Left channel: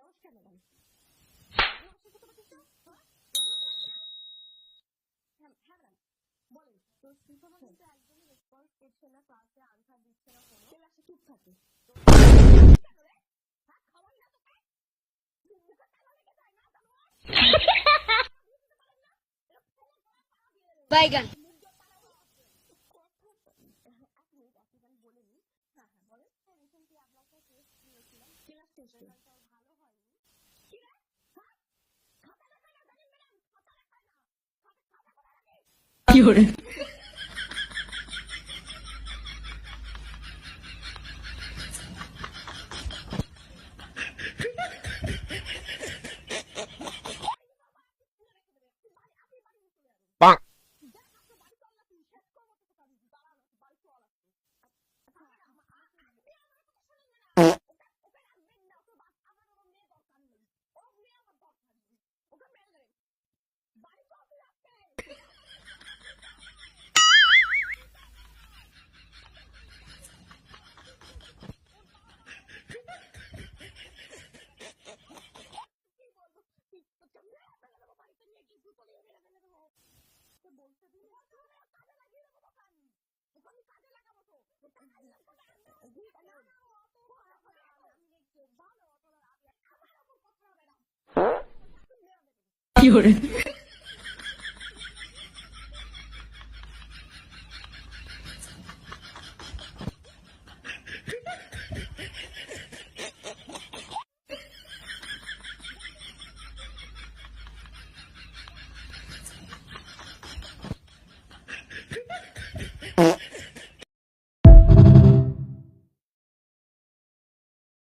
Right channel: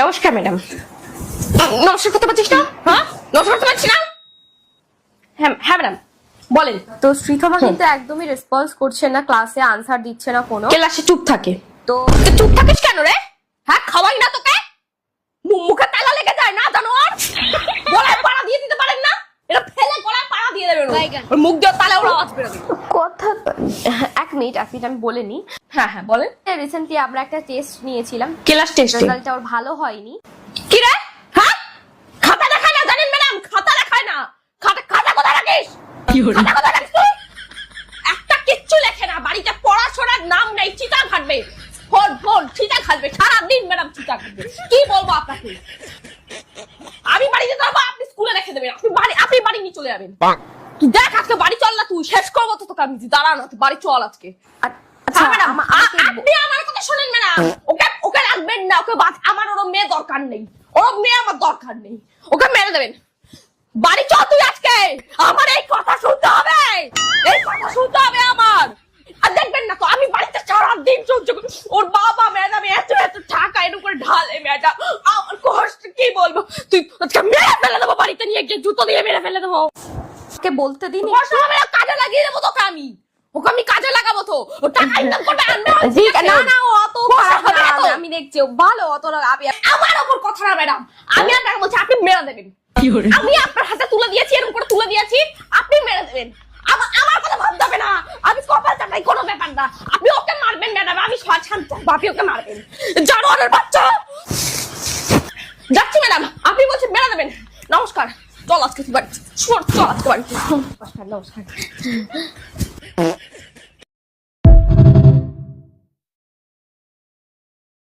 নমস্কার ম্যাডাম। নমস্কার করতে পারছিস না? হ্যাঁ, নমস্কার করতে পারছিস না? হ্যাঁ হ্যাঁ ম্যাডাম বলেন। তো শ্রীথমা কিন্তু একদমই রেসপন্স করছে না, ক্লাসে আনসার দিচ্ছে না কোনো। ক্লাসে চুপ থাকে। তো তুই চুপ থাকিস কেন রে? হ্যাঁ, খাওয়াই না তোকে? মুখে তালা লেগে যায় না জানোয়ার? গলায় পাড়া দিয়ে দিতে পারেন না? এটা ফেলে গলায় পাড়া দিয়ে দেবেন। ওর মুখ দিয়ে তালে ওর আওয়াজ বেরোবে। কথা এক মিনিট আমি বলে নি। হ্যাঁ হ্যাঁ বলেন। রিসেন্টলি আমরা একটা টেস্ট নিয়েছিলাম, ক্লাস টেস্টে রেজাল্টটা ওর ভালো হয়নি। কি রে? হ্যাঁ, খাতা দেখায় না জানেন ম্যাডাম? খাতা দেখায় না। খাতা কোথায় রাখিস? কি হলো? খাতা কোথায় রাখিস তুই? একটা কিচ্ছু লেখে না, বাড়িতে পড়াশোনার নাম নেই, চিতা ঘাটবে। ফোন চিতা ঘাটবে সারাদিন ম্যাডাম, চিতা ঘাটবে। কি বলবো আপনাকে? আমি বাড়িতে যাবো, আপনি স্কুলে রেখে দেবেন। আপনি বাড়ি নিয়ে চলে যাবেন। তুই দেখ আজকে বাড়ি চল না, তুই শেষ করবো তো তোকে আমি। দাঁড়া না, তুই বাড়ি চল আজকে। আচ্ছা ম্যাডাম আমাকে আপনি আমার কথা শুনেন ম্যাডাম। ওকে রাখবেন না, ওকে আমার ওর মেয়ে দরকার নেই। ওর মেয়ে আমার দরকার নেই, ওকে মেরে দেবেন। বাড়ি চল তুই আজকে। আমার এই কথা শুনতে হবে, এই কথা শুনতে হবে আমার। আর দেখবেন না তো আমি বাড়িতে সারাদিন সহ্য করি। ওর বাবা ম্যাডাম এত টাকা এর উপরে ঢালে ম্যাডাম, আমার কষ্ট কি বলবো। তুই আজকে মেরে ফেলে দেবো, বাড়িতে নিয়ে গিয়ে জুতো দিয়ে মেরে ফেলে দেবো। ওকে বলতে দিন। কাজে লাগিয়ে দেবো তোকে আমি। ওকে আমি কাজে লাগাবো তো, ও টাকা ইনকাম করবে। না না, ও অত খারাপ না, আমি দেখছি ও ভালো। অত আমার ওপর কথা না ম্যাডাম। আমি আপনাকে বলছি আপনি মেরে দেবেন। আমি আপনার হাতে তুলে দিয়েছি, এর উপরে তুলে দিয়েছি, আপনি মেরে দেবেন। আমার কথা ভাবতে হবে না, আমি কপাল চাটাই কোনো ব্যাপার না। আপনি ওকে মারবেন ম্যাডাম, আমি শান্ত, আপনি ওকে মারবেন। জানোয়ারের বাচ্চা। যাচ্ছি ম্যাডাম, আপনি বলছেন মেরে দেবেন। নমস্কার, চল আজকে বাড়ি। চল আজকে বাড়ি। নমস্কার।